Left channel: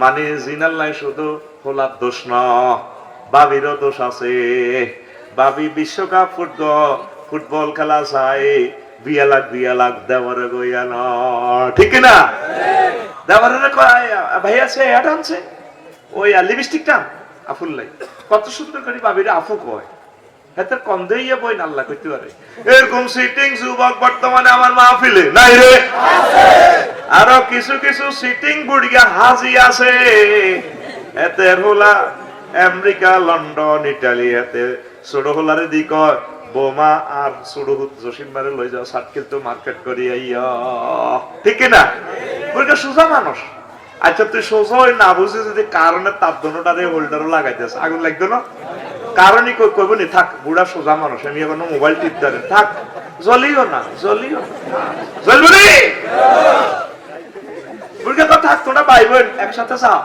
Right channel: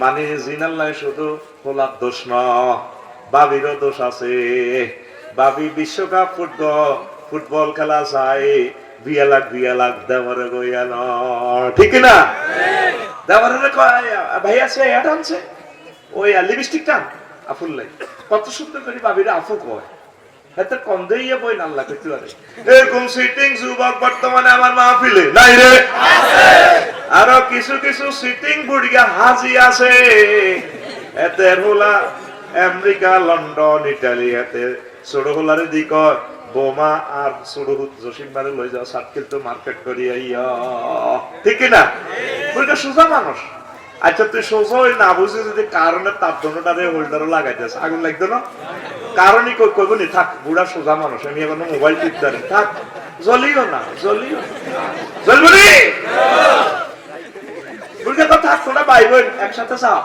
মানে জিনাল্লাই শুধু হোলার দোষ ন, বাবিরও দোষ আছে। বাবি বিশ্বকাপ ফুটবল ফুটবল খেলা চাই, বিয়া লাখ বিয়া লাখ দেওয়ারে গইয়া ন ঠিক না দেওয়ারে ভাই আছে, এটা আনছে। ওই লিপস্টিক টান। আফুল লাই। কত সুন্দর করে বাবিরে আফু কয়। হাতে কন্দেইয়া বই নাল্লা করতে পারে। এরকম সিটিং যুবক বর্তমানে আমার মাহফিলে নাই রে? আরও কিছু কিছু সিটিং বুড়িয়া হাজি আছে। এতে হোলা আমেরিকা, লন্ডন, ইটালি, এতে ছোট হোলারে দি কয়, বোমা আর জসিম বারে লই যাও মার্কেট করি ঠিক না বুড়িটা সোজা মানুষ। আচ্ছা তুই সোজা হই না বুঝে যদি কারণে তার দোনোটারে হোল্ডারও লাগাই দিস আগুন লাগতো না? কারণই কই, কইব নি, থাক, বুড়া সোজা মানুষ, আমি এখন মোবাইল টিপতে পারে থাক, জ্বলিও না, জ্বলিও জ্বলবো নি বুড়কে তো থাক তোরা ভাই বোন একসাথে চাও?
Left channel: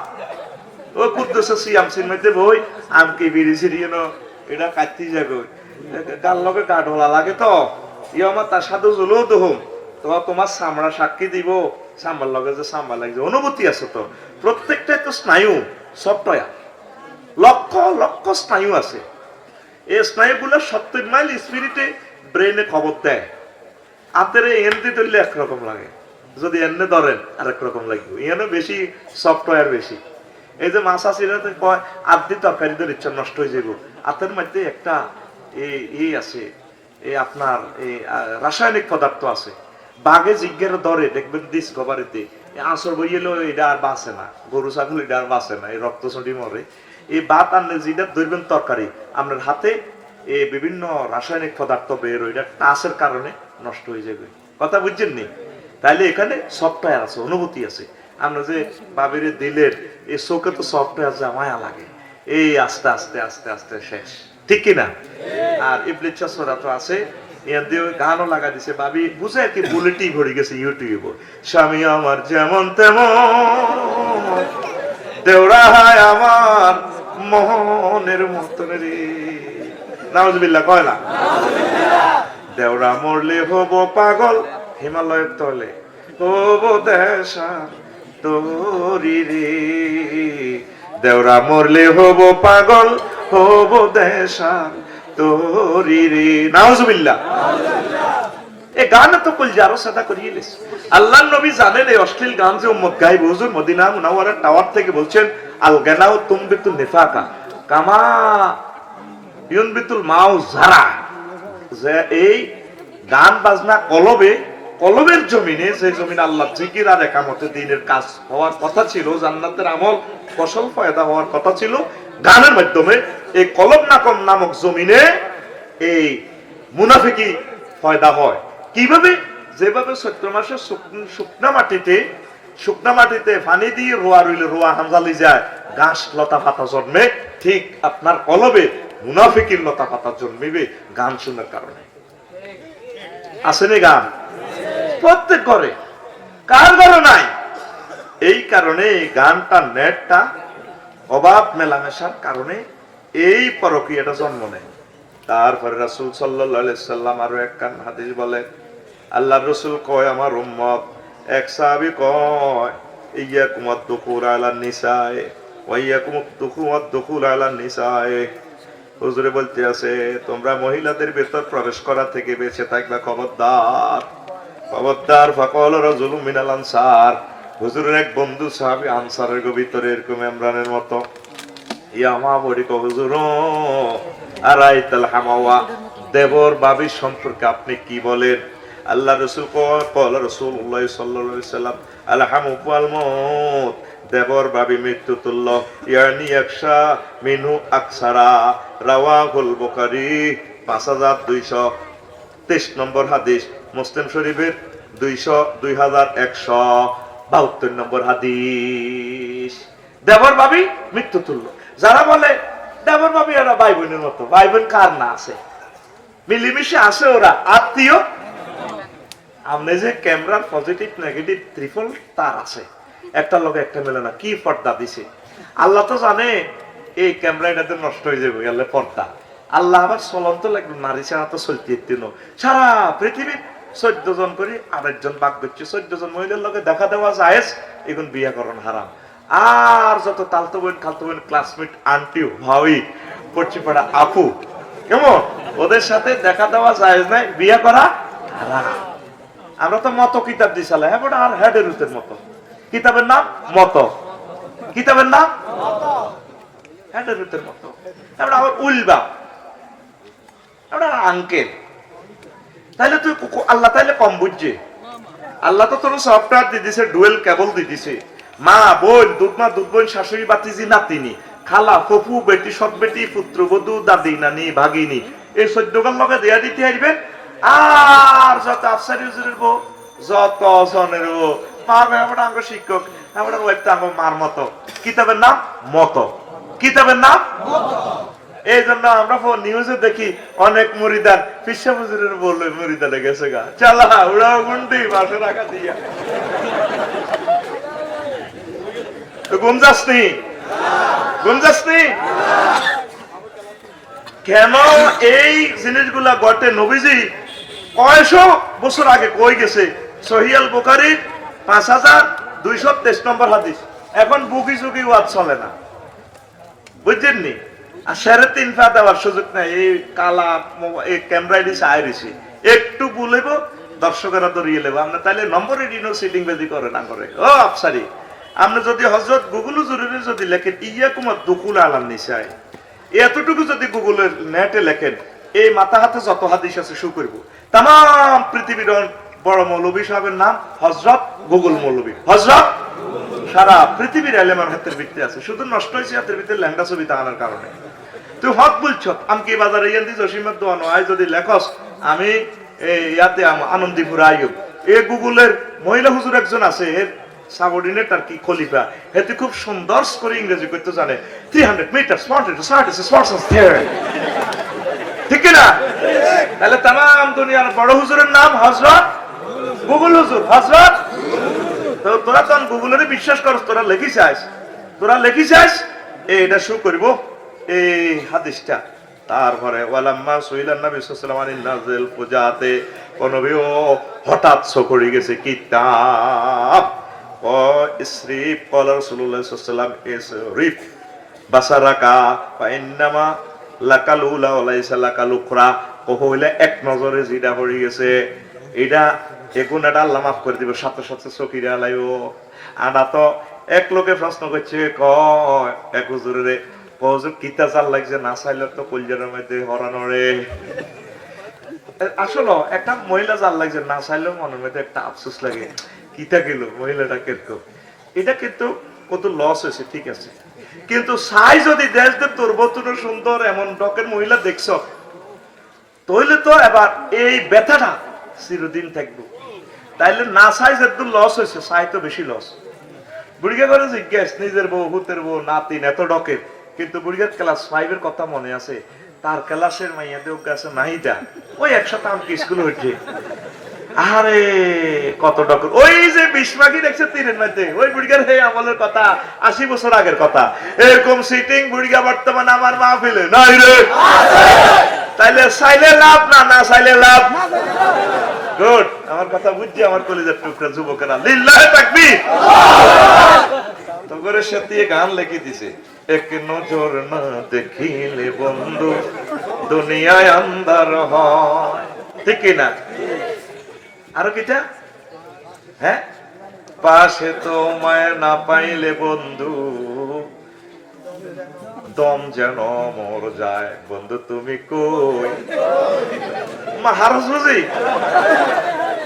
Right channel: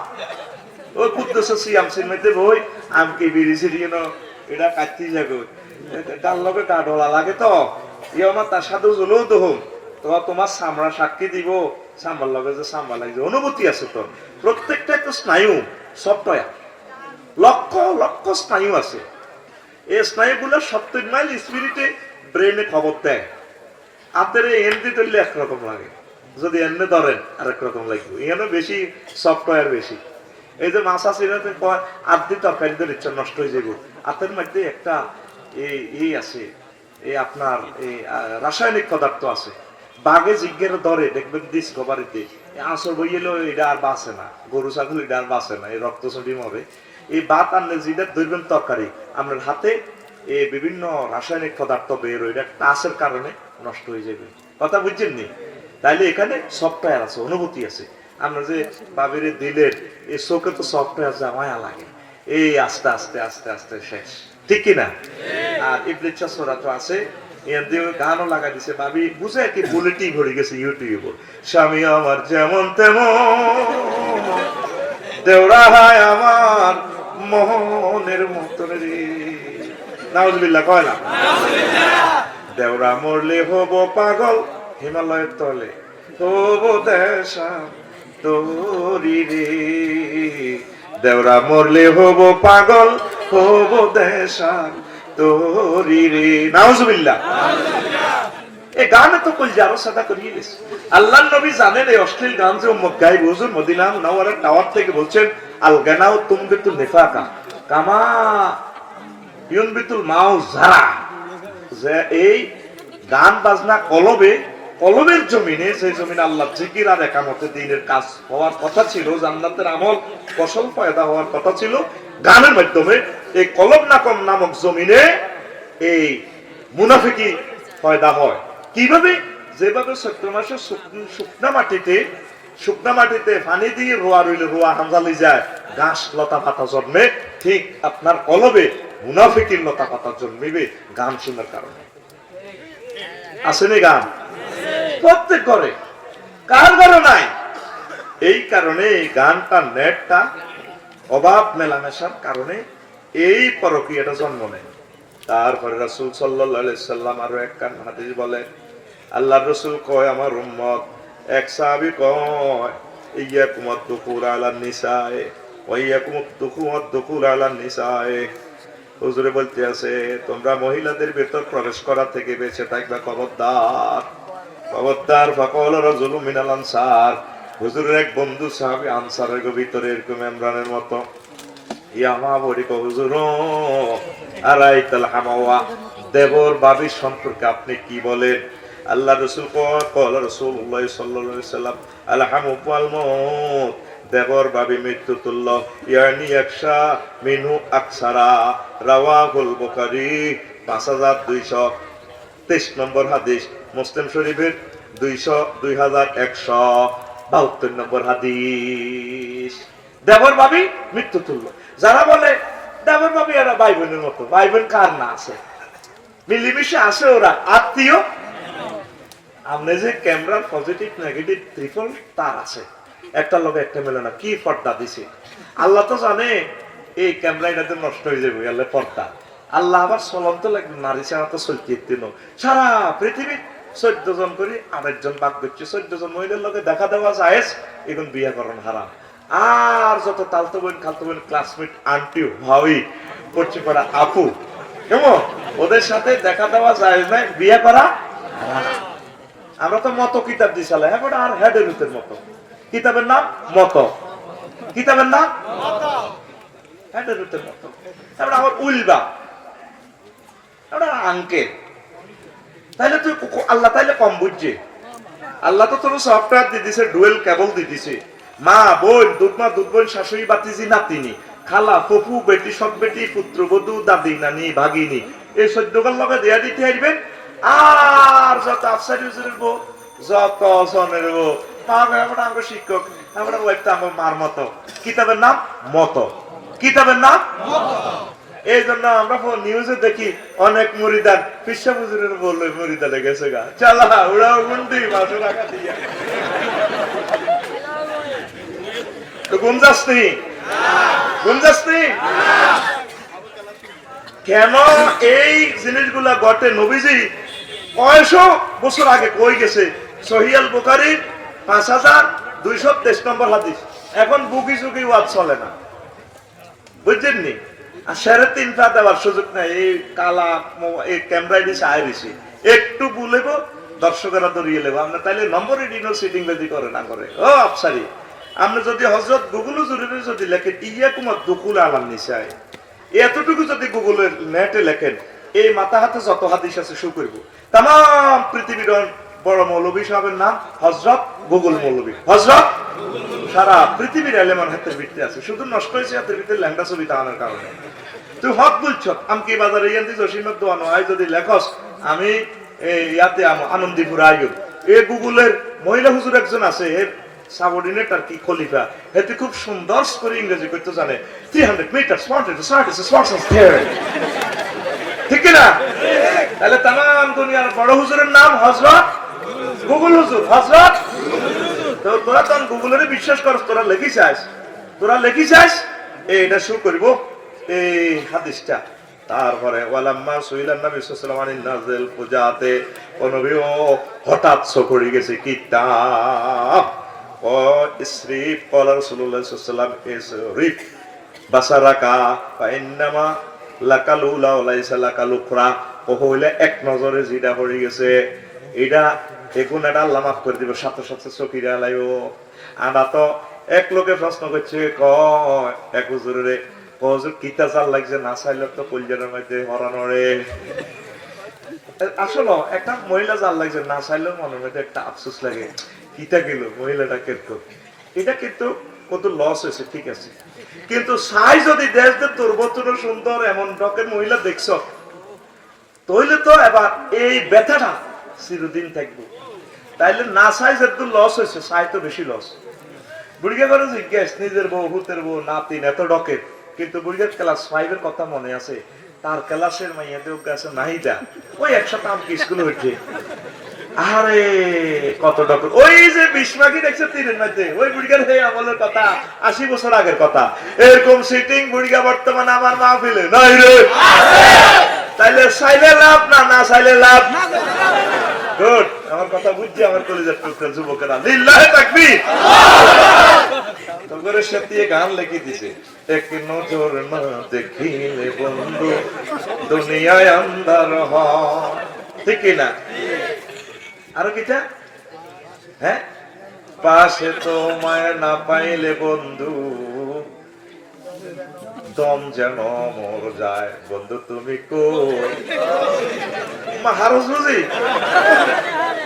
বই আমকে এটা কাটতি যাগো তার লগে লাগে তো। আমার তার সাথে তো তোমার সাক্ষী দিব লগে যে লাগছে, অনুভূতি আছে তো। প্রত্যেকটাই তো স্নায়ু সফটওয়্যার লক্ষ লক্ষ স্নায়ু আছে। এই স্নায়ুগুলো সত্তর মাইল স্পিরিটে ব্রেনে খবর দেয়। হাতের এমনি ধরলে একরকম লাগে। যদি এমনি ধরেন আরেক রকম লাগবে। এখানে বেশি সফটওয়্যার বেশি। এই যে মাছ আছে এটাতে কয় আর্ধি তরকারিদের ইচ্ছা নষ্ট হয়ে যাবে হাতের মধ্যে একটা এই আছে এই আপনার এই রাসায়নিক পদার্থ আছে। বাঘে জিজ্ঞের দরে দেখবেন ডিসকভারিতে আসর বইয়েলেও এটা আর বাঁচে না। গরু, ছাগল, এটা আর বাঁচে না। এই রক্ত ছড়ি মরে। এই বাত আনলে যেটা ধরবেন তরকারি, আপনার হাতে এই বিভিন্ন রাসায়নিক পদার্থ বের এটা টাচের কারণে নষ্ট হয়ে যাবে কথা বুঝছেন নি? তাইলে এখানে সফটওয়্যার আছে অনুভূতি আছে। আমরা যে বাবিরে দিলের এই চোখে তো সফটওয়্যার যা মায়া লাগে। এই আস্তে আস্তে আস্তে আস্তে শেষ। ঠিক কিনা আর ইবলিচ্ছা সোরা তো আছে গানও লাগা দিছে ভাবি বুঝে কি বুলেটই ঘুরে গেছে ইউটিউব স্বামী আমার যেমন তেমন দেওরা হয় আমার মোহনের মতন রে। নাউজুবিল্লাহ কয় না? দেওরা মরলে হব পাগল হিমালয়ের তলে। হব দেশা তোরি রে। দেওরা মরলে হব পাগল, হব দেশা তোরি রে। নাউজুবিল্লাহ। এই গান তো কল যারো সাদা করিয়ে গেছে আল্লাহ নবী জানেন এই অশ্লীল গান যে উম্মত গাইব হুজুর মদিনা মুনাওয়ারার টাওয়ার থেকে বলছেন, আল গানাও তুমবিতুল নিফাকা কামা ইউনবিতুল মাউ যারা। যে এই গান বাজনা কলবে কলবের জমিনে যে জমিন আল্লাহ জিকির আর একামতে দিনের কাজ হওয়ার কথা ছিল, জান্নাতের আমল ফসল ফয়দা হওয়ার কথা ছিল। গানের মাধ্যমে এই কলব নাকম নামক জমিনে এই মুনাফিকি ফয়দা হয়। কীভাবে? যেভাবে চৈত্র মাসে শুক- শুকনা মাটিতে শুকনা মাটিতে পানি দিয়ে রোয়া রইলে রোয়া হাঙ্গালি যায়, ঘাস লতা পাতা জন্মে, ঠিক আপনার কলবে মুনাফিকির লতা পাতা জন্মিবে গান শোনার কারণে। আসেনি গান? প্রত্যেক ঘরে কার ঘরে নাই? এই কারণে গানটা নেটটা অভাব মেলামেশার কারণে এই পরকীয়টা জন্ম নেয়। তারপরে রাসুল সাল্লাম আরও এক কান হাদিস বলে আল্লাহ রসুল কয়, আমার উম্মত। এক সাহাবি কয় ইয়া কুমার দুকুর আলা নিসায় ওয়াইয়া কুমার দুকুমার দুকুর আলা নিসায়। হুজুরে বলতে আছে, তোমরা মহিলাদের ভেতর প্রবেশ করা থেকে বেঁচে থাকবে, খবরদার। এক বন্ধু ভিতরে মতো। ইয়া মা বড়ি হুজুর আরাইতাল হামাওয়া, দেবর বাবির সম্পর্কে আপনি কি বলেন? আল্লাহ রসুল কল আলহামু দেবর বাবি মৃত্যু তুল্য, ইয়ানি একশা মিনু আকসারা, রাওয়াহুল বুখারী, পাঁচ হাজার দুইশো তেইশ নম্বর হাদিস। মুসলিম শরীফের দুইশো দুই হাজার একশো বাহাত্তর নম্বর হাদিস। দেবর ভাবি মৃত্যু তুল্য। যারা বলে, দেবর ভাবি ওরা ভাই বোনের মতো ভাই বোন কার না আছে? মিলিমিশে আছে ওরা, আত্মীয়? আপনি যে ক্যামেরার পজিটিভ নেগেটিভ ত্রিফল তার আছে। একটা লোক, একটা মেলে না, কি পর্দা দিছে? আল্লাহ তো জানে, এই ক্যামেরা এটাতে নষ্ট হয়ে যাবে গেলে পর্দা। আল্লাহ আবার চলন্ত লাগবে নারী ছাড়া তো চলতে দিন। সারা পৃথিবী চোদ্দ জন করে, আরেকজন বাদ করছে চোদ্দ জন মহিলার লোকে দেখা দেওয়া যায় এখন বিয়া করেন হারাম। আর যত তালতো বোন, খালতো বোন ক্লাসমেট আন্টি ভাই পড়ছে পড়া আপু, কেমন? ওদের সাথে দেখা দেওয়া যায় নাই, বিয়ে করা। আমরা তো মত কিতাব দিছিলাম হ্যাঁ আর হেডের উতের মতো। কিতাবের নাম মত। কিতাবের নাম হেডের উতের মত। তারপরে আমার উলবা। আমরা আঙ্কেল তাইলে তুই আল্লাহ তাইলে কম বুঝছে। আল্লাহ তো তোর সফটওয়্যার দিয়ে দিছে, ডুয়েল কেবল দিয়ে দিছে। মা, বোন, দুধমা দুধ বোন শাশুড়ি বাতিজি নাতিনি। খালা, ফুফু, বেটি সব বেটি, পুত্র, বধূ, দাদি, নানি, ভাগিনী। এই সদ্যকাল লগে দেয়া দিতে আসবেন আর যত আফসারি হুজুরের বউ, যত জনের বউ। আমরা আমরা শিক্ষক, আমরা ওইটা আমার মার মতো। কিতাবের নাম মত। কিতাবের নাম এই জন্য আমরা নিউজে দেখি অনেক মুরিদান হুজুরের বলল গেছে গা। চালা গুন্ডি রাখা দিয়া। কেন এই জিনিসগুলা ঘটে? নবীজি কয়শো বছর আগে কই গেছে? সহিয়াল বুখারি, পাঁচ হাজার দুইশো তেইশ নম্বর হাদিস। এখন বুকি চুকি ওয়াজ চলে না। বুঝছেন নি? আর সাড়ে তিন দেওয়ার সুযোগ নাই, এই কালা এই একটু দর্শকেরা দরিয়ে লেবো। আমরা নম্বর সিটিং করে না করে। ও, আফসারি, আপনি যদি হজরত গুগল জরুরি যদি লেখেন ইয়া কুমার দুকুল আলাম নিশায় এতটুকু যদি গুগলের নেটে লেখেন, এই মাথা হাতে যত হাদিস আছে শু করব। তাম পৃথিবীর বড় মৌলবী সাহেবের নাম হজরত গুগল মৌলবী হজরত সারা পৃথিবীর এলেমান হাতের ভিত্তি আছে। শুধু নষ্ট হয়েছে হাতের ভিতরে লেহেঙ্গা ছবি তাহানোর কারণে। তুই হক বলছ, আমি বাজারে ইয়ান দিছ? সীমার দোয়ানো আই যদি লেখস, আমি ইয়াতে আনন্দীপুর আইব এ গুগলের মহিলা হুজুর একজন আছে, এর সাবঅর্ডিনেট আর কি খলিফা। এতে খুব সুন্দর করে ইংরেজি করতে জানে। Three hundred metre smart smart smart ঠিক না? তাহলে তাম দুনিয়ার বড় হুজুরের নাম হজরত গুগল তোরা গুগলের বিশ্বাস করস, তোরা লেখি তোরা লেখি এটা শুরু করিব, এই হাদিসটা। তারপরে, ওয়ালাম্মা সুইলান নবী সাল্লাল্লাহু আলাইহি পূজাতে নবীও হঠাৎ চকরি গেছে, কিতাব। ও ইসরিফ ক্বালা রাসূলুল্লাহ সাল্লাল্লাহু আলাইহি ওয়াসাল্লাম, ইসরিফ, বাসারাকা ফাইন্নামা লাকাল উলা ওলাইসা লাকাল উখরা কহইলে এক নজরে জিডা পড়ি গেছে, এটা এগুন এটা আল্লাহ মাফ করে দিবে, সাথে সাথে চকিরে আলাইও। আনা তো এক লোকে প্রশ্ন করছে ক এক হুজুরে কজুর কিতা জাল লাগছে? না চাইলে তো মধ্যে হরানোরে আসলে একটা মহিলা জাল লাগছে, না চাইলেও মধ্যে একটা আফসোস লাগে। কিতা গেল, মহিলাটা কিন্তু। এটা কিন্তু কত লস হয়েছে, ঠিক আছে। কিন্তু সাই যদি দেশ দে, তোর সুন্দর, এমন ডকের মহিলা দেখছ তাহলে তো এবার এই ব্যথাটা চিরদিন থাকব। তাইলে না সাই যেহেতু লস হয়েছে, সাই তো বেশি লস বুড়িগা করে জিজ্ঞেস নিজের বউ হুতের বউ নাতিন এত ডকে। কিন্তু বুড়িগার ক্লাস ফাইভের কথা মনে আছে, তার ক্লাসের মাইয়াদের কাছে নাই যা। ওই একসাথে আমাকে স্কুলে উঠে আরে কত ডক ওই যে বিস্মাকি দেখছে তীরের মধ্যে, ওই বুড়িগার হে আমলের কথা, আশি বছর আগের কথা। এরকম সিটিং বুড়িগা বর্তমানে আমার মা ফেলে নাই রে। তাইলে চাইলে লাভ না না চাইলে লাভ? গুড আমার কথা বুঝছি আমার কলেজের টুকরা যুবকেরা, লিল্লাহে তাকবীর! তো করে সেতিয়ে গান লিখে দিছে। এক নজর না দেখিলে বন্ধু, দুনিয়ায় আন্ধার হয়। ঠিক না? আরও কিটা? হ্যাঁ? পাশে তোমায় না পাইলে বন্ধু দম যেন মর যায়। বন্ধু, তুমি কই? মহারাজ বুঝি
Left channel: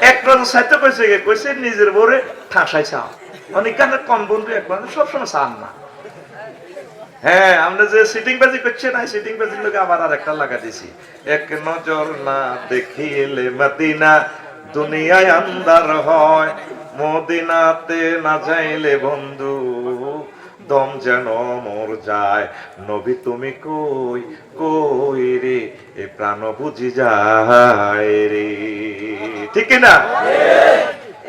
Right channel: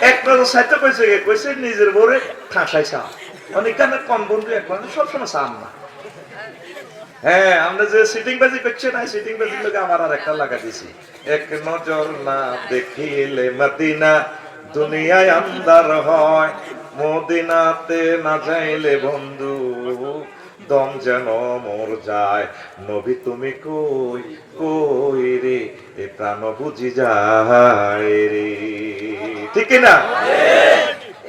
এক সাইতে কইছে কইছে নিজের চাও। কম বন্ধু, এক সবসময় চান না। হ্যাঁ আমরা যে সিটিং বাজি করছি না সিটিং বাজির লোক আবার আর একটা লাগা দিছি। এক নজর না দেখিলে মদিনা দুনিয়ায় আন্দার হয়, মদিনাতে না যাইলে বন্ধু দম যেন মোর যায়। নবী তুমি কই কই রে? এ প্রাণ বুঝি যায় রে। ঠিক না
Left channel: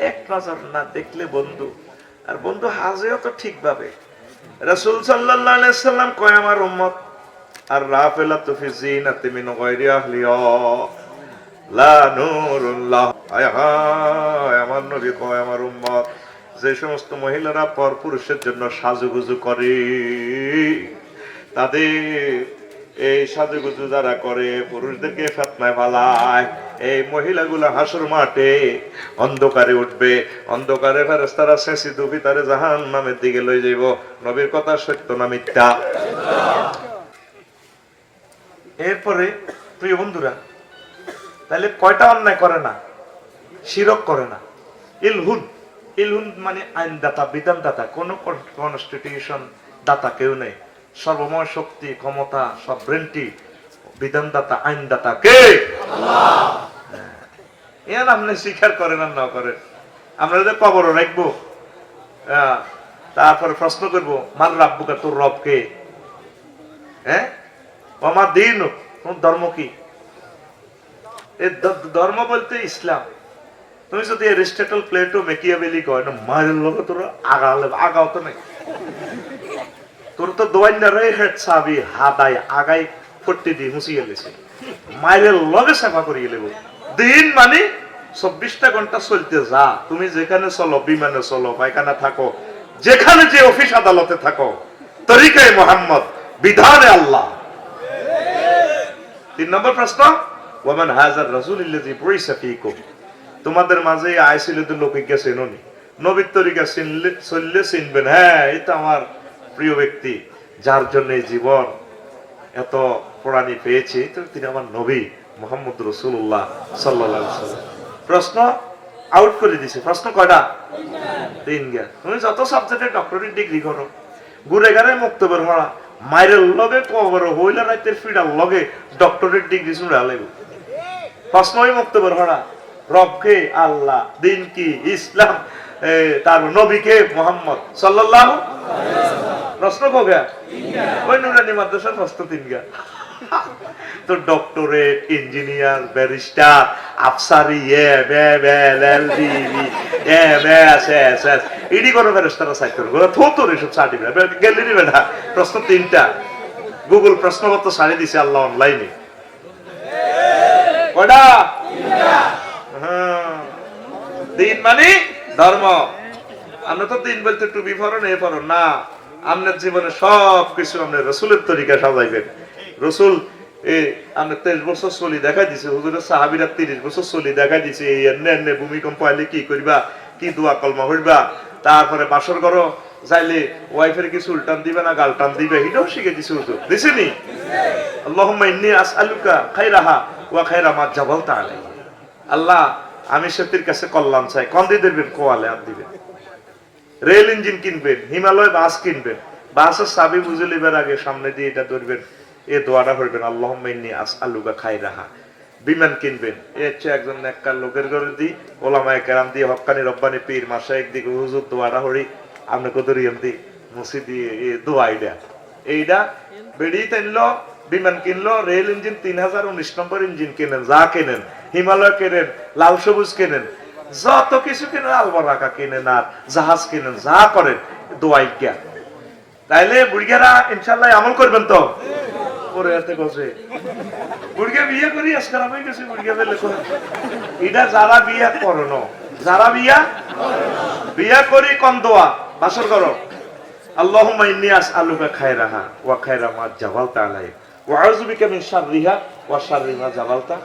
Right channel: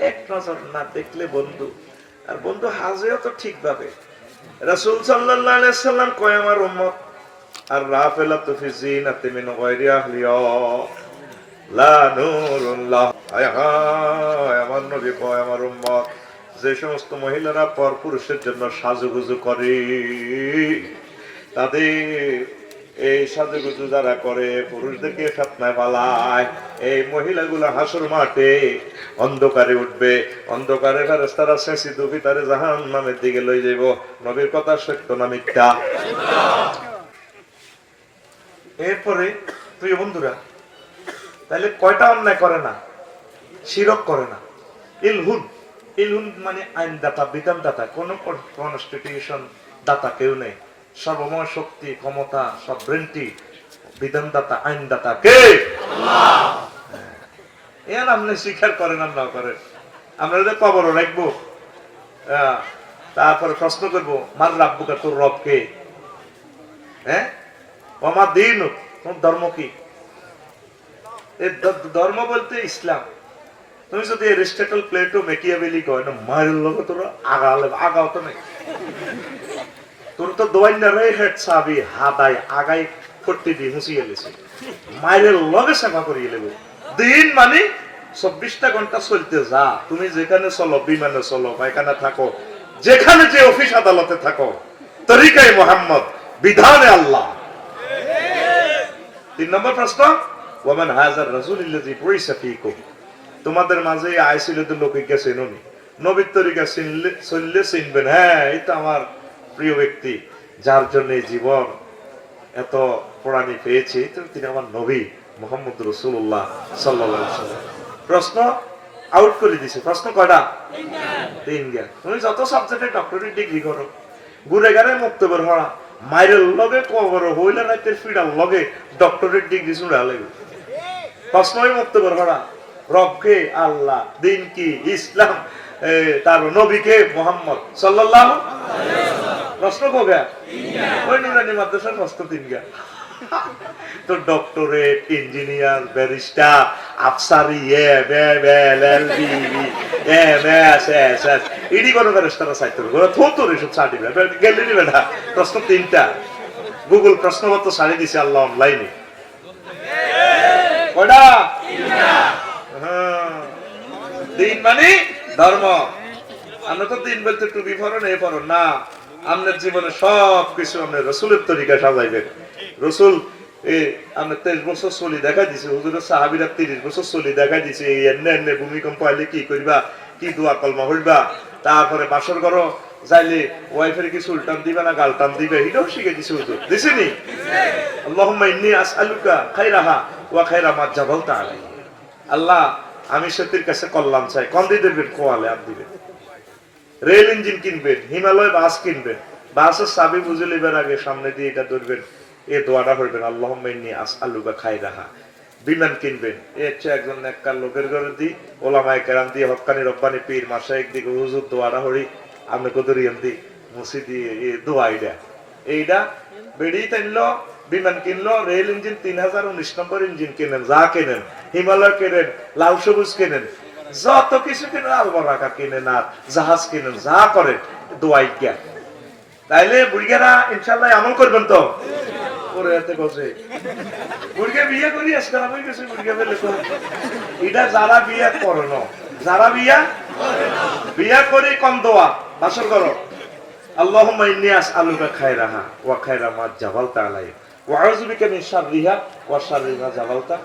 এক নজর না দেখলে বন্ধু, আর বন্ধু হাজেও তো ঠিকভাবে। রাসূল সাল্লাল্লাহু আলাইহি সাল্লাম কয়, আমার উম্মত, আর রাফেলা তো ফি জিনাতি মিন গায়রি আহলিয়া লা নূরুল্লাহ। আয় হায়, আমার নবী কয়, আমার উম্মত যে সমস্ত মহিলারা পর পুরুষের জন্য সাজুগুজু করে, তাদের এই সাজুগুজু যারা করে, পুরুষদেরকে ফেতনায় পালায়। এই মহিলাগুলো হাসুর মাঠে অন্ধকারে উঠবে। অন্ধকারে ফেরেস্তারা শেষি দুবি তারে জাহান নামের দিকে লই যাইব। নবীর কথা সত্য না মিথ্যা? এরপরে, প্রিয় বন্ধুরা তাহলে কয়টা অন্যায় করে না? শিরক করে না। ইলহুন। মানে কনস্টিটিউশন দাতা কেউ নেই। সর্বময় শক্তি, ক্ষমতা কে? এর স্বীকার করেন আর না করেন? আমরা যদি কবরও রাখব তারপরে প্রশ্ন করব, মার রাব্বুকা তোর রব কে? হ্যাঁ? আমার দিন ধর্ম কি? ধর্ম বলতে ইসলাম। তুমি যদি এরিস্টটল প্লেটো, মেকিয়াবেলি কয় না মায়ের লোক তোরা আগালে আগাও তো নাই। তোর তো দোয়াইনা রয়ে হেড সাবি, হাদাই, আগাই, ফট্টি দি মুছিয়ে গেছে মায়ের লগে সেবা করিয়ে লেব। দিন মানে চব্বিশটা ঘণ্টা চলতে যা। তুমি যেখানে চলো, বিমানে চলো, পায়খানা থাকো, যেখানে যে অফিস আদালতে থাকো তরিকায় মোহাম্মদ, বিধানে আল্লাহ। তিন নম্বর প্রশ্ন ওমান হাজার রাসূল ইল্লাযী বুইসা ফীকুম? তোমাদের মাঝে আইছিল তো লোকে গেছে ননি নবীর তরিকা চিনলে, চললে চিনবেন। হ্যাঁ এই তো আমার প্রিয় ব্যক্তি, যার জন্য জীবন এত প্রাণী পেয়েছে তিনি আমার নবী মোহাম্মদ রসুল্লাহ সাল্লাহ প্রশ্ন আউট করে দিছে। প্রশ্ন কয়টা? তিনটা তুমি যত সাবজেক্টে ডক্টরেট ডিগ্রি করো ঘুরে গেলে মুক্তবের মরা মাইরের লগে কবর হইলে রাইতের ফিডার লগে ডক্টরেট ডিগ্রি শুনে লাগবে প্রশ্নই মুক্তবের মরা রবকে আল্লাহ, দিন কি? ইসলাম তার নবীকে মোহাম্মদ। সাল্লাল্লাহু প্রশ্ন কবে ওই নুরানি মাদ্রাসার প্রশ্ন তিন গা। তো doctorate, engineer, barrister, Afsari, A, B B L B A B S S S Ed কোন ব্যারিস্টার সাইতে হবে থো তো এসব সার্টিফিকেট গেলি নিবে না প্রশ্ন তিনটা। গুগল প্রশ্নপত্র সারি দিছে আল্লাহ অনলাইনে। হ্যাঁ। দিন মানে ধর্ম। আমরা তো দিন বলতে টুপি ফরন এ ফরন না আপনার জীবনে সব কিছু আপনার রসুলের তরিকা সাজাইবেন রসুল, এ, আমরা তেইশ বছর চলি দেখাই দিছে। হুজুরের সাহাবিরা তিরিশ বছর চলি দেখাই দিছে। এই এনে এনে ভূমিকম্প আইলে কি করিবা? কি দোয়া কলমা হইবা? তারপরে বাসর করো যাইলে ওয়াইফের কি সুলটান দিবে না, গালটান দিবে? এটাও শিখে দিছে হুজুর। দিছেনি আল্লাহুম্মা ইন্নী আসআলুকা খাইরাহা ওয়া খাইরা মা আলাইহি। আল্লাহ আমি সেতির কাছে কল্যাণ চাই। কন্দি দেবেন কোয়ালে আর দিবেন রেল ইঞ্জিন কিনবেন হিমালয় বাস কিনবেন বাসের চাবি বুঝে নেবেন আগে, সামনে দিয়ে এটা ধরবেন। এ দোয়াটা করবেন আল্লাহ মেন্নি আস আলুকা খাই রাহা বিমান কিনবেন, এ হচ্ছে একজন একটা লোকের ঘরে দি, ওলামায় কেরাম দিয়ে হকানি রব্বানি পীর মাসা একদিকে হুজুর দোয়াটা হরি আপনি কত রিয়াম দি, মুসি দিয়ে এ দোয়া এইটা বেরিয়ে টানলো বিমান কিনলো, রেল ইঞ্জিন তিন হাজার উনিশ নম্বর ইঞ্জিন কেনেন, যা কেনেন। হিমালয় কেনেন লাল সবুজ কেনেন, যত কিছু কেনেন আলবারাকা কেনেন আর জাহাজ কেনেন, যা করেন, দোয়াই জ্ঞান। তাইলে বুড়িয়ারা ইনশাল্লাহ আমল করবেন তো। বুড়িয়া বিয়ে কম দোয়া ওয়া জাবালতা।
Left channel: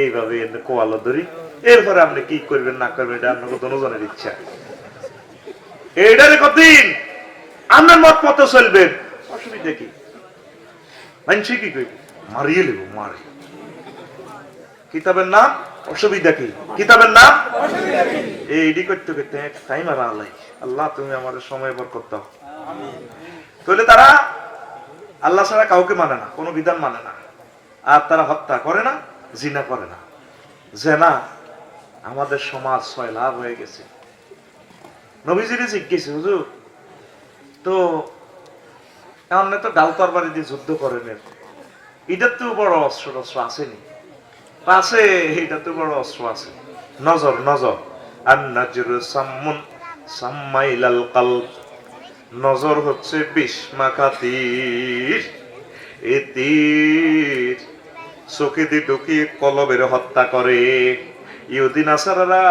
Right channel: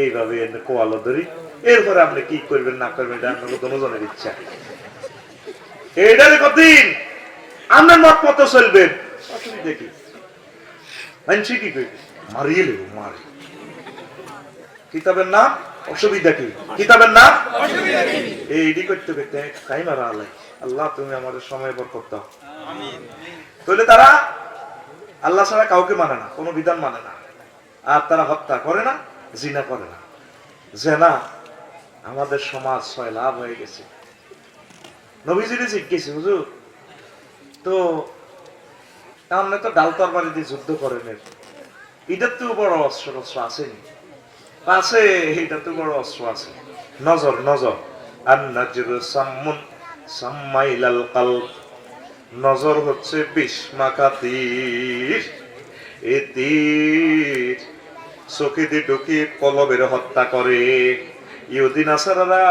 এইভাবে কোয়ালো ধরি। এরপরে আপনি কি করবেন না করবেন এটা আপনাকে ইচ্ছা। কতদিন আপনার মত মতো চলবেন অসুবিধা কি মানুষ কি করবে মারিয়ে নেব মারি। কিতাবের নাম? অসুবিধা কি? কিতাবের নাম? এইডি করতে করতে মারা আল্লাহ আল্লাহ তুমি আমাদের সময় বর করতে তাহলে তারা আল্লাহ ছাড়া কাউকে মানে না কোনো বিধান মানে না। আর তারা হত্যা করে না। জিনা করে না। জেনা আমাদের সমাজ ছয় লাভ হয়ে গেছে। নবীজিরে জিজ্ঞেস, হুজুর, তো আপনি তো ডাল তরবারি দিয়ে যুদ্ধ করেন। এটার তো বড় অস্ত্র অস্ত্র আসেনি। আছে, এটা তো বড় অস্ত্র আছে। নজর নজর। আর নাজির সাম্মুন সাম্মাইলাল কালব। নজর হচ্ছে বিষ মাখা তীর এ তীর দিয়ে ঢুকিয়ে কলবের হত্যা করে। ইহুদি নাসারারা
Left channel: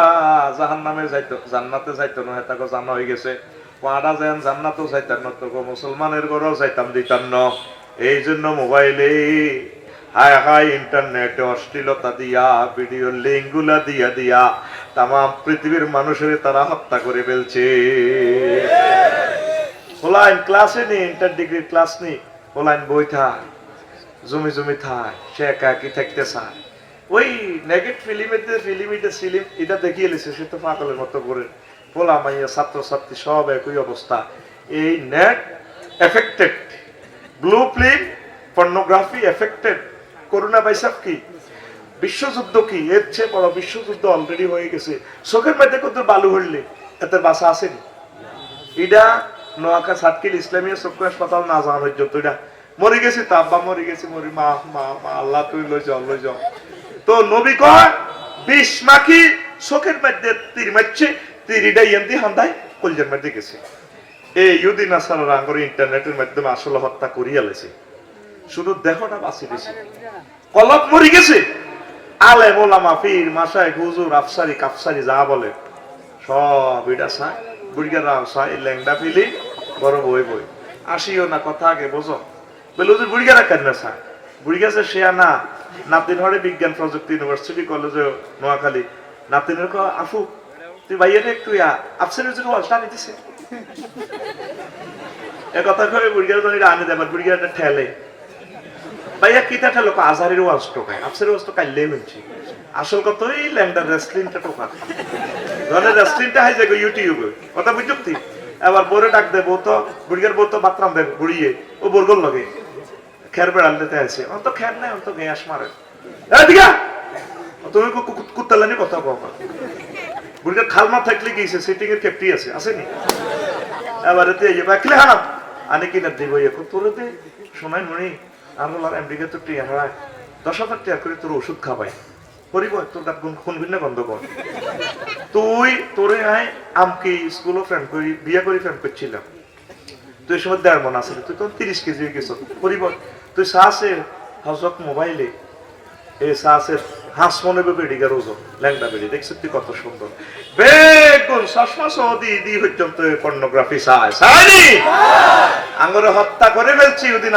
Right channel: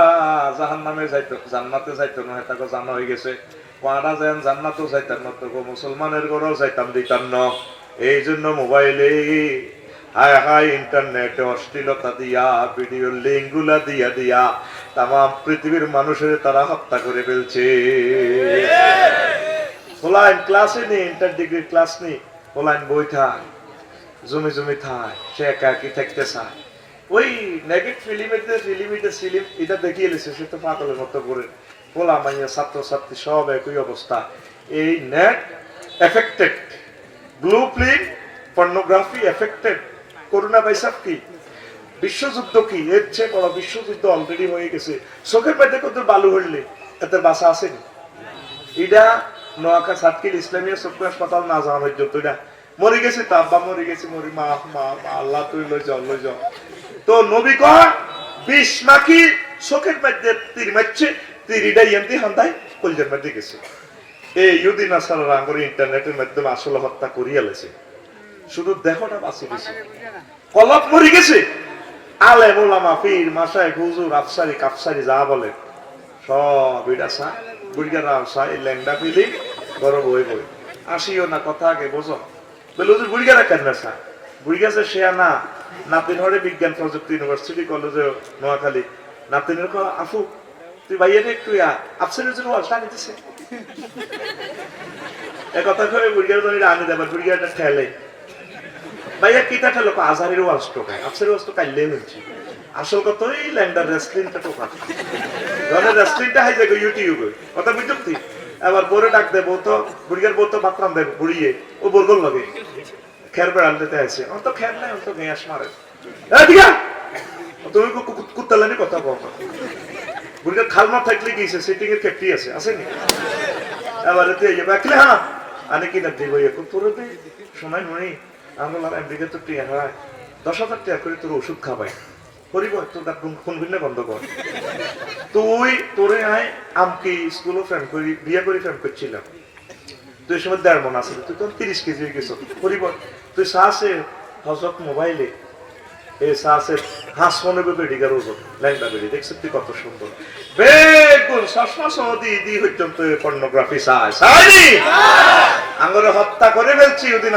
জাহান নামে যাইতো জান্নাতে যাইতো না তাকে জানা হয়ে গেছে। পাড়া যেন জান্নাতও যাইতাম না তো মুসলমানের ঘরেও যাইতাম দিতাম না এই জন্য মোবাইলে হায় হায় ইন্টারনেট অশ্লীলতা দিয়া ভিডিও লিঙ্কগুলা দিয়া দিয়া তাম পৃথিবীর মানুষের তারা হত্যা করে ফেলছে। হোলাইন ক্লাসে নেই ইন্টার ডিগ্রি ক্লাস নেই হোলাইন বই থায় জমি জমি থায় সে একা একই থাকতে চায়। ওই নেগেট ফিলিমেতে ফিলিমিতে সিলিম এটা দেখিয়ে এলেছে, সে তো পাগলের মতো করে বলা মাইয়া ছাত্র ছাত্রী সব একই অবস্থা। এই net affected blueprint pornography affected corona ভাইসাব কি? বিশ্বযুদ্ধ কি? এর চেয়ে বড় বিশ্বযুদ্ধ অলরেডি হয়ে গেছে। চোখের মধ্যে কত বালু হইলে, এতে বাসা আসেনি এটা নোয়াখা সাতকিল ইসলামিয়া চক্ষু হাসপাতাল না যাওয়া পর্যন্ত এটা মরে গেছি তো আব্বা মরে গেছি, মরি মা মা আল্লাহ তুই লই যাও লই যাও। তো নবী কয়, বিষ মাখি চোখের মধ্যে তীর মারছে তীরিটা এমনি হান্দাই কলজের মধ্যে গেছে। এই ইউদিন আসার আঙ্গর ইন্টারনেটের মাধ্যমে আসলে হত্যা করিয়া লেছে। শুধু দেহটা বাঁচি গেছে কলপ মরে গেছে। আলে মোলামা ফির মাসায়, হুজুর, আফসারি, কাফসারি, যা বলে, সব এটা সা বুড়িগার সা এই ল্যাংডা ফিলি, বড় বই বই। আসিও না কথা আগে, বোঝো। বলে, হুজুর বুড়িগারা কেন সা বুড়িগাছে সে না নাতিন হরে বিজ্ঞান প্রযুক্তি ইউনিভার্সিটি কলেজে নোয়াখালী। নাতিনের ক আফু তুই ভাইয়ের একটু ইয়া আফসারি হুজুর ওয়াজটা নিতেছে এ কথা কবে বুড়িগার জন্য আনি দেবার বুড়িগারটা ঠেলে। ভাইয়া কিতা ঠেলো আজারের ওয়াজ টোকায়, আফসারের ওয়াজ তো কাইলে মিলছে আসল কথা ওই ল্যান্ডার রেসলিংটা টোকা ধরে রেসলিংটা হাই যাবে ইউটিউবে কথা তুই এবার বোরে ডাক দে বউ তো, বুড়িয়ার বউ তো বাতরাম দেবে, বুড়িয়ে। ও বলগল লগে। খের বেড়াল দিতে আছে ও তো খের নাই ও তো গ্যাস মারে তুমি কুত্তালানি কথা কও বুড়িয়ার খালমা থাকলে গিয়েছে সিটিং এর ক্যাপ্টি আছে আসেনি এবার এই বাকলে হ্যাঁ আনে কিনা দিব? এখন তোর সময় মনে আমি বললাম আমেরিকা তো টিয়া হারায়। দশ হাজার টাকা করে তোর ওষুধ খাবাই কর তুই, তোরে আয় ফ্রেন্ড বিয়ে করে তিরিশ কেজি তুই মোবাইলে কত সুন্দর। দি পর্নোগ্রাফি চায়। হত্যা করে ফেলছি ওদিন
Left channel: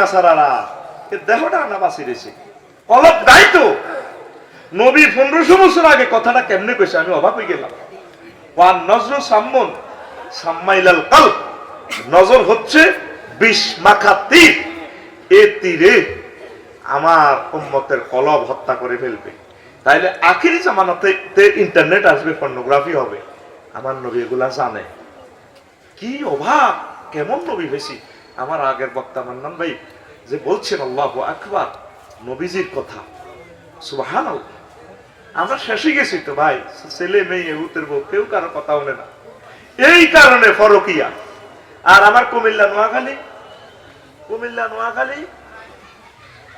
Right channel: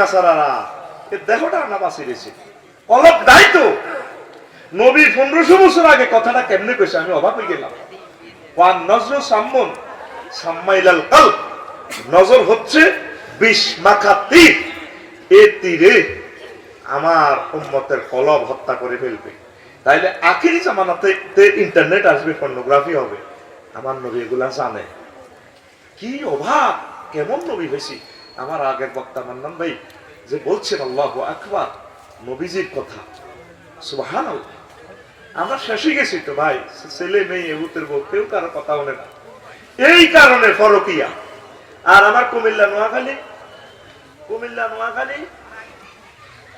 দেহটা বাঁচি দিয়েছি। অলপ দায়িত্ব নবী পনেরোশো বছর আগে কথাটা কেমনে কইছে আমি অবাক হয়ে গেলাম। ওয়ান নজর সাম্মন সাম্মাইলাল কাল নজর হচ্ছে বিষ মাখা তীর। এ তীরে আমার উম্মতের কলব হত্যা করে ফেলবে। তাইলে আখিরি জামানাতে ইন্টারনেট আসবে, পর্নোগ্রাফি হবে। আমার নবী এগুলা জানে। কি অভাব কেমন নবী হয়েছি আমার আগের বক্তা মান্নান ভাই যে বলছেন, আল্লাহ আকবার। নবীজির কথা। সুবাহান আমরা শেষে গেছি তো ভাই। ছেলে মেয়ে উতের বউ, কেউ কারও কথা বলে না। এই কারণে ফরকিয়া। আর আমার কুমিল্লা, নোয়াখালী। কুমিল্লা, নোয়াখালী,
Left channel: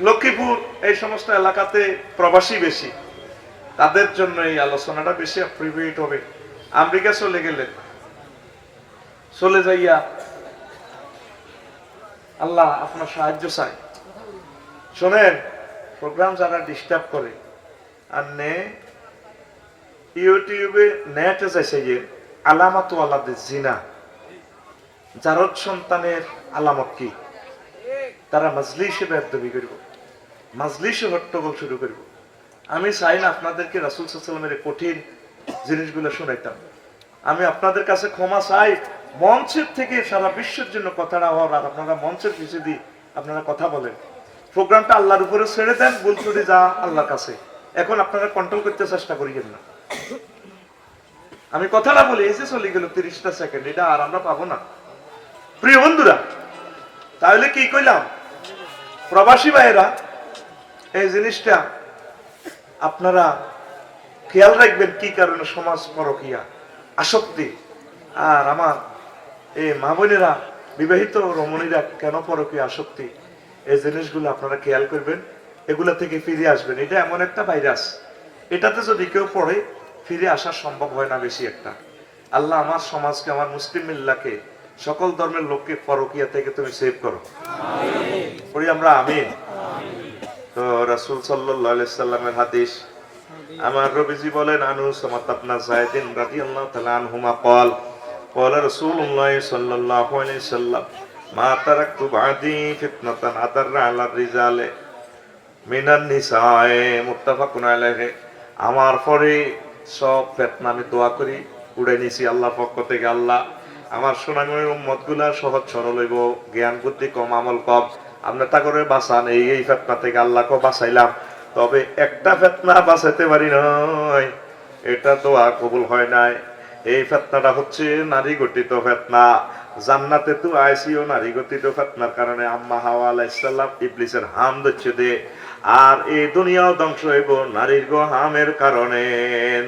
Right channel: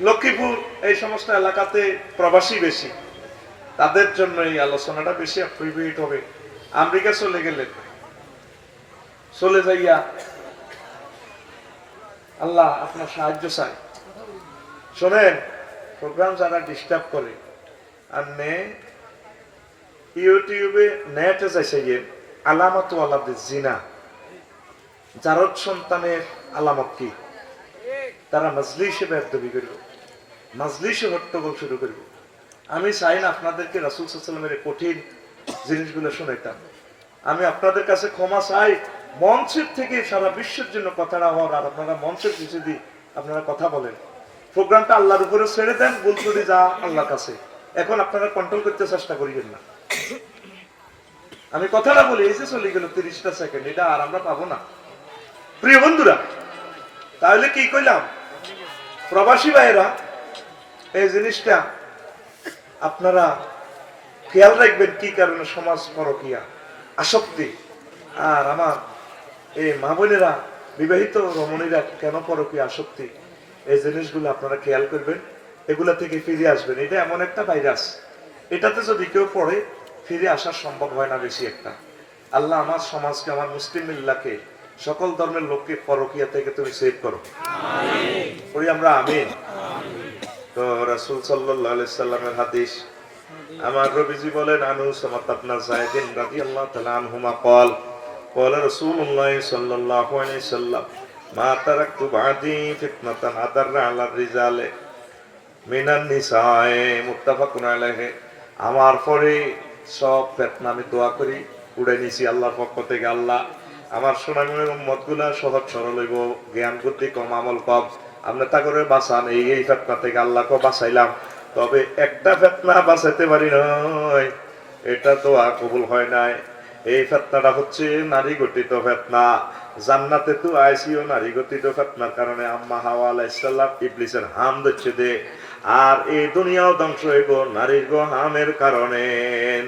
লক্ষ্মীপুর, এই সমস্ত এলাকাতে প্রবাসী বেশি। তাদের জন্য এই আলোচনাটা বেশি প্রিভিট হবে। আমেরিকা চলে গেলে। চলে যাইয়া আল্লাহ আপনার সাহায্য চাই শোনেন প্রোগ্রাম যারা ডিস্টার্ব করে আর ইউটিউবে নেটে জিনা। সন্তানের আলামত কি? তারা করব। হট্টগোল শুরু করব। আমি চাই না আপনাদেরকে রাসুল সাল্লামের কঠিন জিনিসগুলো শোনাইতাম। আমি আপনাদের কাছে ক্ষমা চাই। মঞ্চের থেকে সারা বিশ্বের জন্য কথাটা হওয়ার আর আপনারা মঞ্চের কিছু দিয়ে আপনারা কথা বলেন। প্রোগ্রামটা আল্লাহর উপরে ছেড়ে দেন ত্রুটি যা আল্লাহর কাছে। এখন আপনারা কন্ট্রোল করতে চেষ্টা করিবেন না। আমি কথাটা বলি এসে চলে গেল তিরিশটা সেকেন্ড এটা আর আমরা পাবো না। প্রিয় বন্ধুরা, তাহলে কি কইলাম? প্রবাসী ভাইয়েরা, এই জিনিসটা আপনারা খেয়াল রাখবেন কি কারণে সমাজ পরকিয়া, আসক্তি। আর আমার এই মা বোনেরা, বিবাহিত রমণীরা কেন পরকিয়া, আসক্তি? এই জিনিসগুলো আপনারা খেয়াল করবেন। এগুলা থেকে ফিরে আসবেন এটা এমন একটা ভাইরাস এটাতে যদি কেউ পড়ে ফিরে আসা সম্ভব হয় না বেশি একটা আল্লাহ আমার সমাজকে আমার মুসলিম মিল্লাকে সকল ধর্মের লোককে পরকিয়া থেকে তুমি সেভ করো পড়ি আমরা আমিন তো রাসুল সাল্লাহ সাল্লামের হাদিস আমার রবিজি বলেন আনু সামাত আপনার সাইদিন রাদিয়াল্লাহু তাআলা আনহুমা قال قال رسول الله صلى الله عليه وسلم ما تركت بعدي فتنة أضر على الرجال মিনান নিসায় মুক্তাফা কুনাইলাহে আমার পরে সব ফেতনা আমি দোয়া করি, উড়ে নিছি আল্লাহর পক্ষ থেকে আল্লাহ। আমার সোনাগুনের উম্মতগুলা সহজ সরল হইব, জ্ঞান, বুদ্ধি, কম আমল, কম। আপনি তা করে বাঁচান, এই এই ফেতনা থেকে আল্লাহকে বাঁচাইলাম। তবে একটা ফেতনা বাঁচাইতে পারি নয়, এটা তো আর কবুল হয় নাই। এই ফেতনাটা হচ্ছে নারী গঠিত ফেতনা। জান্নাতে তো আইসিও নারী গঠিত ফেতনার কারণে আম্মা হাওয়া আলাইসাল্লাম ইবলিসের হাম দিচ্ছে দে। আর এই দুনিয়াও ধ্বংস হইব নারীর গো হামের কারণে।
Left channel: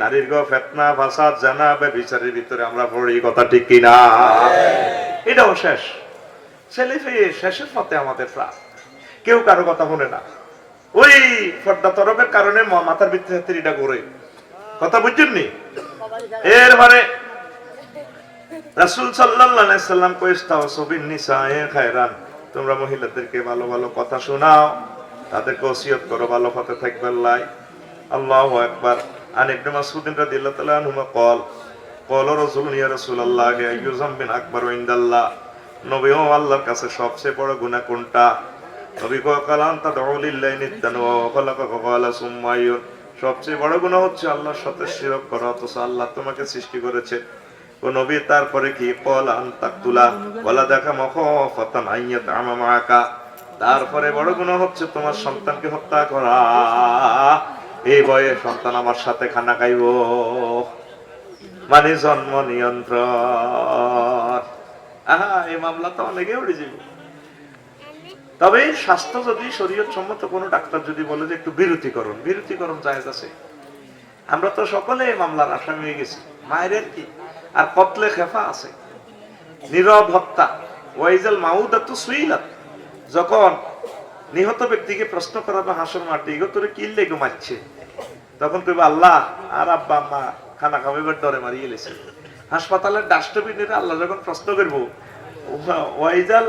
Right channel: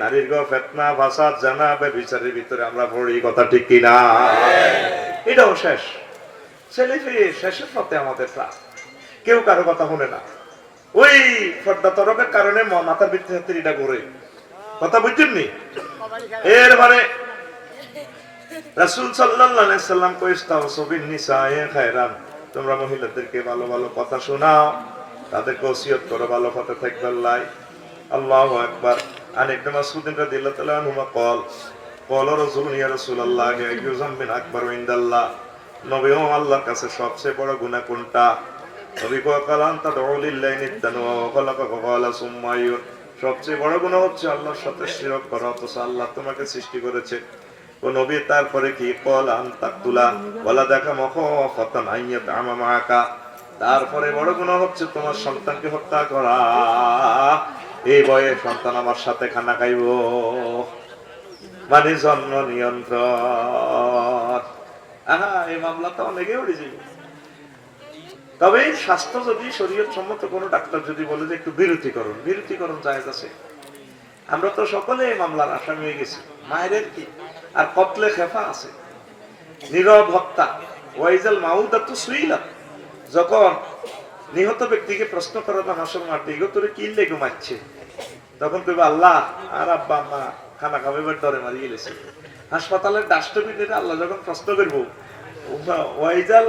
নারীর গো ফেতনা ফাসাদ জানা বিচারের ভিতরে আমরা পড়ি কথা ঠিক কিনা। এটাও শেষ। ছেলে পেয়ে শেষের পথে আমাদের প্রাণ কেউ কারও কথা শুনে না। ওই ফর্দা তরফের কারণে মাথার ভিতরে হাতিরিটা করে কথা বুঝছেন নি? এরপরে রাসুল সাল্লাম খায়রান। তোমরা মহিলাদেরকে ভালো ভালো কথা শোনাও, তাদেরকে ওসিয়ত করো, ভালো কথা থাকবে আল্লাহ। একবার সবচেয়ে বড় গুণা হচ্ছে আল্লাহর সাথে আল্লাহ তোমাকে সৃষ্টি করেছে। ও নবী, তারপরে কি? কল আন্তাকুলা বলা দেখা মখ ফতান আইয়াত আমামাকা তারপরে বড় গুনাহ হচ্ছে তোমার সন্তানকে হত্যা করা। এই বয়ে সন্তান আমার সাথে খানা খাইব। মানে জন্ম নিয়ন্ত্রণ। আহা, এই মামলা তো অনেকে উঠে যাবে। তবে স্বাস্থ্য যদি শরীয়ত সম্মত কোনো ডাক্তার যদি বলে যে একটু বিরতিকরণ বিরতিকরণ জায়েজ আছে। আমরা তো সকলে এই মামলার আসামি হয়ে গেছি। মায়ের কি? আর কতলে খেফা আছে? নীরব হত্যা ওয়াইজাল মাউদা তো সুইলাত। যখন নিহত ব্যক্তিকে প্রশ্ন করানো হাসর মাঠে ইগো তোরে কিনলে ঘুমাচ্ছে? তখন তুই আল্লাহ, আর আব্বা, আম্মা খানা খাওয়াইবার ডরে মারিয়ে গেছে হাসপাতালের ডাস্টবিনের আল্লাহ যখন প্রশ্ন করব, ওয়াইজাল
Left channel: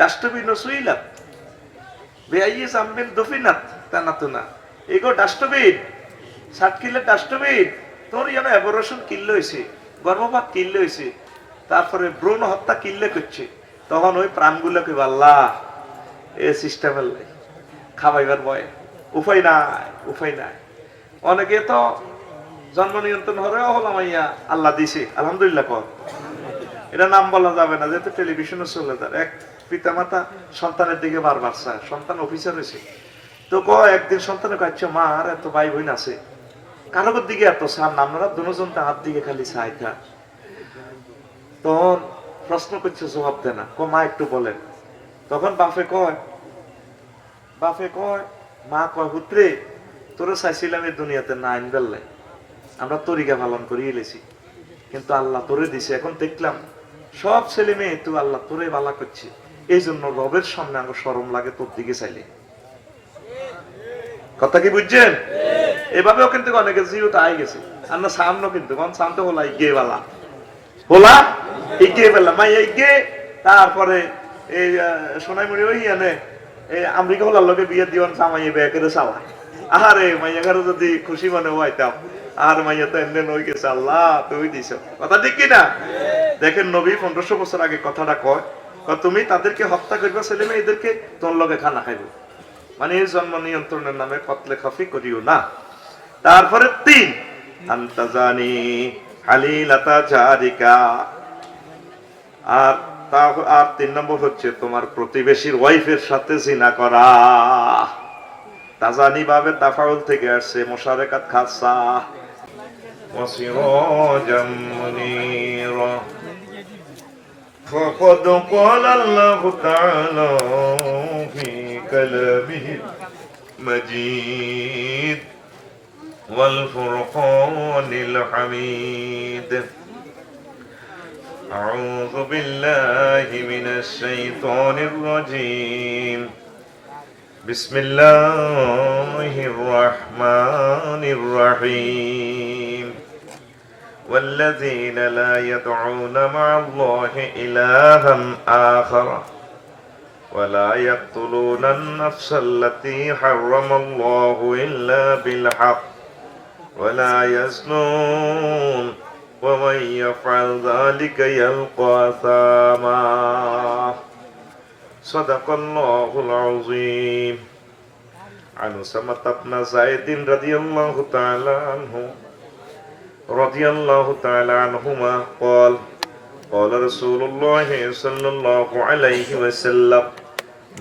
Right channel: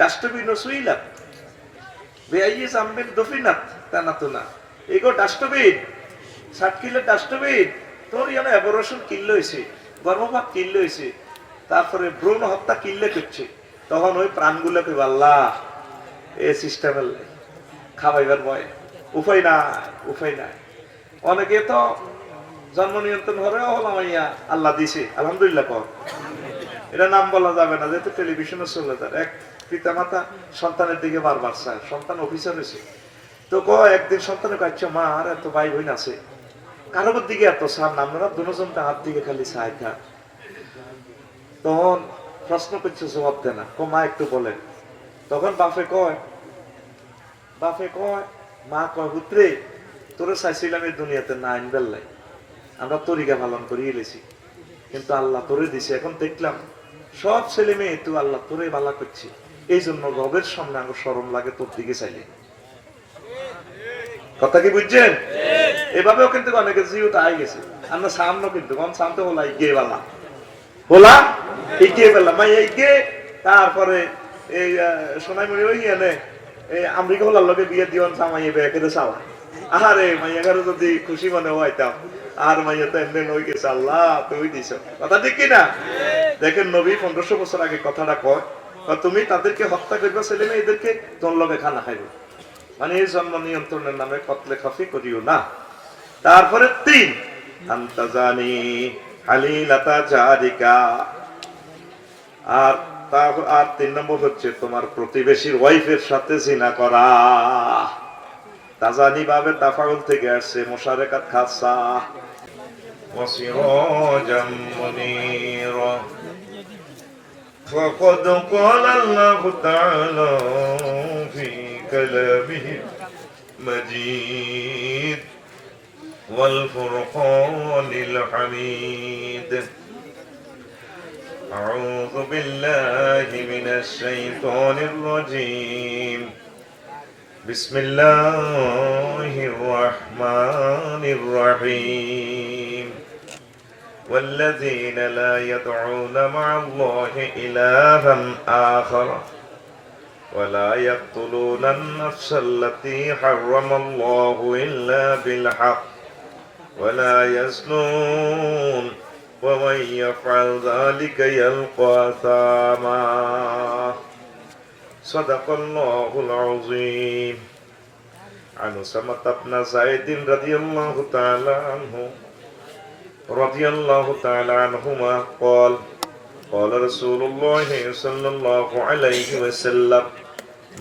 ডাস্টবিন সুইলাত? বেআইয়ে জাম্বিন দফিনাত তানাতুনা? এগো ডাস্টবিন ষাট কিলো ডাস্টবিন তোর কিল্লো হয়েছে, গর্ভপাত কিল্লো হয়েছে, তারপরে ভ্রূণ হত্যা কিল্লে করছে। তখন ওই প্রাণগুলো কে এ সিস্টেমের খাওয়াইবার ভয়, উপায় নাই উপায় নাই। অনেকে তো জন্ম নিয়ন্ত্রণ হরেও হলাম ইয়া আল্লাহ দিছে, আলহামদুলিল্লাহ কর। এটা নাম বলা যাবে না, যেহেতু টেলিভিশনে চলে যায়। এক পিতা মাতা সন্তানের দিকে বারবার চায়, সন্তান অফিসার হয়েছে। তো ক একদিন সন্তানের কাছে মা আর এত ভাই বোন আছে। কারোর দিকে এত চান না দুজন তাহার দিকে খালি চাই থাক। তখন প্রশ্ন করছে, জবাব দেয় না। ক মা একটু বলেন। তখন বাপে কয় বাপে কয়, মা কয় পুত্রে তোরা চাইছিলাম এই দুনিয়াতে না আইন আমরা তরিকা পালন করি এলেছি। কিন্তু আল্লাহ তোরে দিছে। এখন দেখলাম, সব ছেলে মেয়ে তুই আল্লাহ তোরে বালা করছি। এই জন্য রবের সামনে আমার সরম লাগে, তোর দিকে চাইলে। কথা কি বুঝছেন? এভাবেও কিন্তু অনেকে জিওটা আই গেছে। আমরা সামনে কিন্তু কোন সামনে হলা ইগে বালা। হলা? ইগে বেলা। মাই ইগে, তারপরে এই সোনাইমুড়ি, ওই এনে এই আমেরিকা হলার লগে বিয়ে দিওন সামাই বেকের চালা। আরে যদি খুশি মনে হইতাম আর মাইয়া তো এমনি নই গেছে, আল্লাহ, তুই দিছ। কথা ঠিক কি না দেখেন নবী পনেরোশো বছর আগে কথাটা কয়, তুমি তাদেরকে হত্যা করবে, ছেলে মেয়ে এদেরকে তোর লগে খানা খাইব। মানে এই জন্ম নিয়ন্ত্রণের নামে কতলে খাফি করিও না। তারপরে তিন আন্তাজানি হালিলাতা জারিকা আর তা আর তিন নম্বর হচ্ছে তোমার প্রতিবেশীর ওয়াইফের সাথে জিনা করা তাজানি ভাবে তাফাউল থেকে আসছে মোশারেকাত খাসা وسراجا منيرا فقد قال الله تعالى في كلامه المجيد والفرقان الحميد أعوذ بالله من الشيطان الرجيم بسم الله الرحمن الرحيم والذين لا يدعون مع الله إلها آخر ولا يقتلون النفس التي حرم الله إلا بالحق ولا يزنون ومن يفعل ذلك يلقى أثاما صدق الله العظيم عن أسامة بن زيد رضي الله تعالى عنه رضي الله تعالى عنهما قال قال رسول الله صلى الله عليه وسلم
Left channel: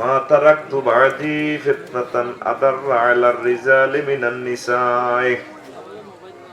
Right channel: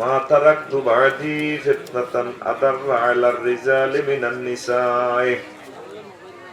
ما تركت بعدي فتنة أضر على الرجال من النساء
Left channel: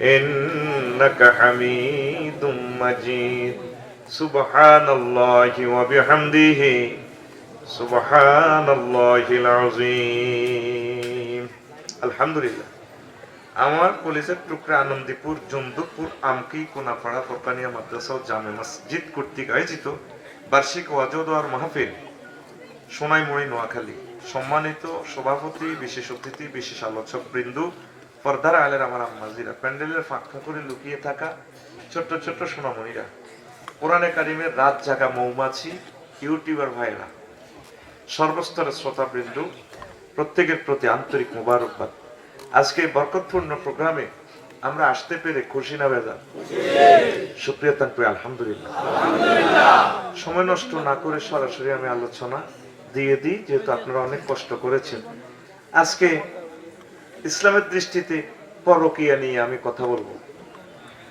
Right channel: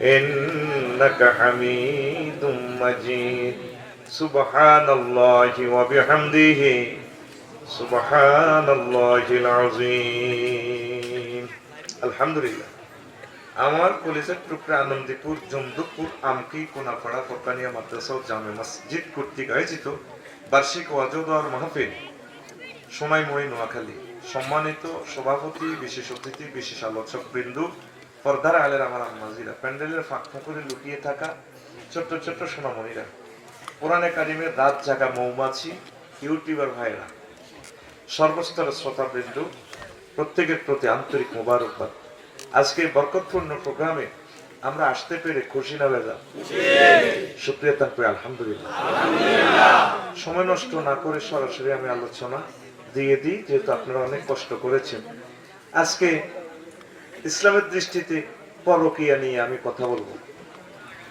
إنك حميد مجيد سبحان الله وبحمده سبحان الله العظيم الحمد لله আমার কলেজের টুকরা আনন্দীপুর জমদুপুর আমকি কোনাপাড়া ফরকানিয়া মাদ্রাসা ও জামে মসজিদ কর্তৃক আয়োজিত বার্ষিক ওয়াজদার মাহফিল সোনাইমুড়ি নোয়াখালী সম্মানিত সভাপতি বিশেষ অতিথি বিশেষ আলোচক বৃন্দু পর্দার আলের আমার আম্মাজিরা প্যান্ডেলের ফাঁকা করে লুকিয়ে থাকা ছোট্ট ছোট্ট সোনামণিরা। কোরআনে কারিমের রাত জাগা মৌমাছি, ইউটিউবার ভাইরা। সর্বস্তরের শ্রোতাবৃন্দু, প্রত্যেকের প্রতি আন্তরিক মুবারকবাদ। আজকে বরকতপূর্ণ প্রোগ্রামে আমরা আসতে পেরে খুশি না বেজা সুপ্রিয়া তানপুর, আলহামদুলিল্লাহ। সময় নষ্ট না করে সরাসরি আমি আলোচনা দিয়ে দিই, যেহেতু আপনারা অনেক কষ্ট করেছেন। আজকে ইসলামের দৃষ্টিতে পরকিয়া নিয়ে আমি কথা বলব।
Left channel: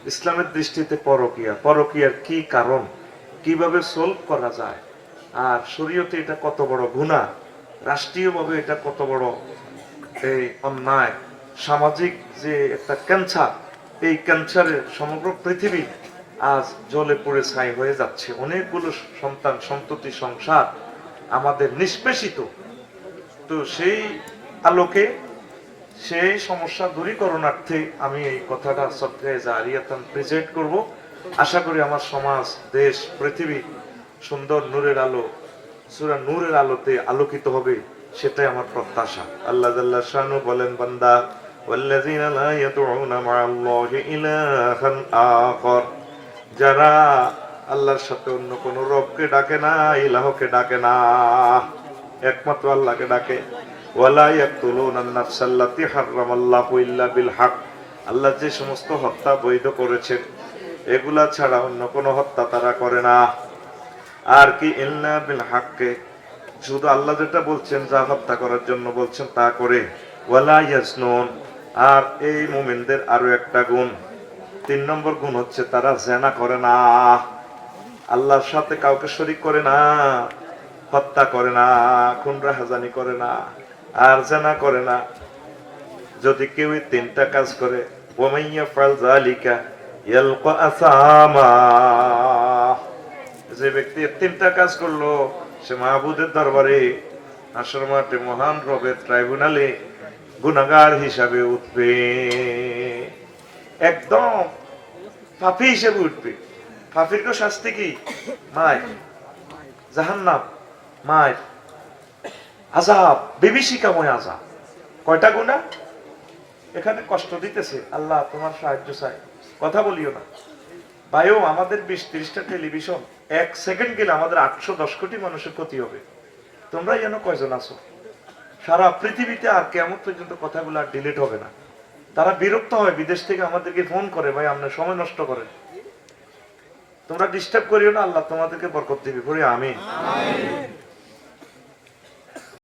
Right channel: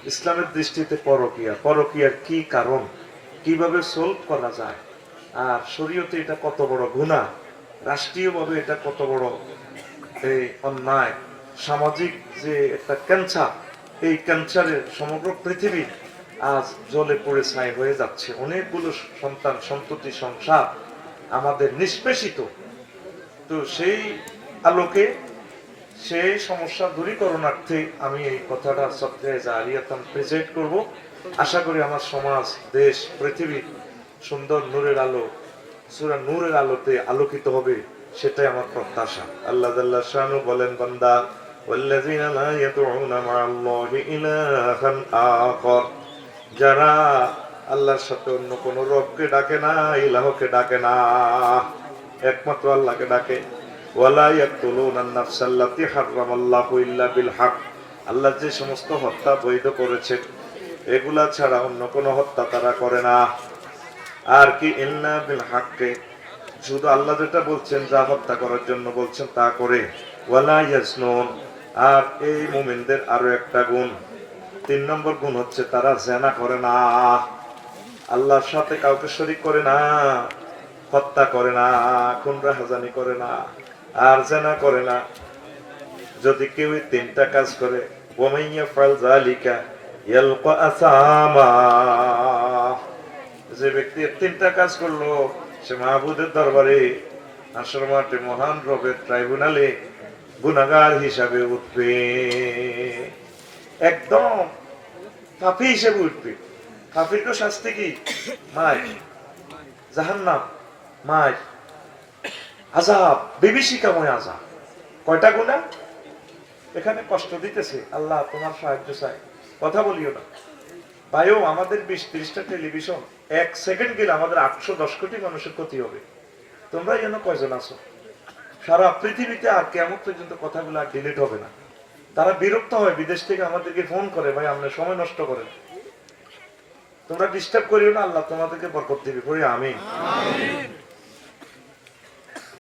ইসলামের দৃষ্টিতে পরকিয়া। পরকিয়ার কি কারণ? কীভাবে সলভ করা যায়? আর শরীয়তে এটা কত বড় গুণা রাষ্ট্রীয়ভাবে এটা কত বড় এই অন্যায়? সামাজিক যে একটা ক্যান্সার এই ক্যান্সারে সমগ্র পৃথিবী আজ জলে পড়ে ছাই হয়ে যাচ্ছে। অনেকগুলো সন্তান সন্ততি সংসার আমাদের নিষ্পেষিত। তো সেই আলোকে সেই সমস্যা দূরীকরণার্থে আমি এই কথাটা সপ্তাহে জারিয়াতান প্রেজেন্ট করব আশা করি আমার সমাজ দেশ পৃথিবী সুন্দর নূরের আলো সুরা নূরের আলোতে আলোকিত হবে সেটাই আমার প্রত্যাশা আল্লাহ আল্লাহ শানু বলেন বান্দা والذين لا يدعون مع الله إلها آخر যারা আল্লাহর সাথে অন্য কোন রবকে ডাকে না ইলাহকে ডাকে না একমাত্র আল্লাহকে ডাকে ওয়ালা ইয়াকতুলুনা আন-নাফসাল্লাতী হারামাল্লাহু ইল্লা বিল হক। আল্লাহ যে সমস্ত হত্যা বৈধ করেছেন, এগুলা ছাড়া অন্য কোনো হত্যা তারা করে না। আর কি ইল্লা বিল হককে, শুধু আল্লাহ যেটা বলছেন, যা হত্যা করার জন্য বলছেন, তা করে। ওয়ালা ইয়াজনুন, আর এই মুমিনদের আরও একটা গুণ। তিন নম্বর গুণ হচ্ছে, তারা জেনা করে না। আল্লাহর সাথে কাউকে শরিক করে না, হত্যা করে না খুনরা হাজানি করে না। আর জেনা করে না। যদি কেউ তিনটা কাজ করে ফাল জালিকা যে ব্যক্তি তিনটা কাজ করল, সে মাহবুদের দরবারে আসর মাঠে মহান রবের ট্রাইব্যুনালে গুনাগার হিসাবে উঠবে। একদম পাপি হিসেবে উঠবে। পাপির শাস্তি কি? মায় জাহান্নাম। মায় আজাব বিভীষিকাময় আজাব কয়টা গুণা? এখানে কষ্ট দিতেছে। আল্লাহ তোমার সাহায্য চাই কথা বলিও না। ভাইও, আমাদের বিশ ত্রিশটা টেলিভিশন, এক সেকেন্ড গেলে আমাদের আটশো দশ কোটি মানুষের ক্ষতি হবে। তোমরা যেন কয়জন আছো? সারা পৃথিবীতে আর কেমন পর্যন্ত কথাগুলো আর ডিলিট হবে না। তারা বিরক্ত হয়, বিদেশ থেকে আমাদেরকে ফোন করে, ভাই, আমরা সময় নষ্ট করেন। তোমরা ডিস্টার্ব করিও না, আল্লাহ তোমাদেরকে বরকত দিবে। করি আমি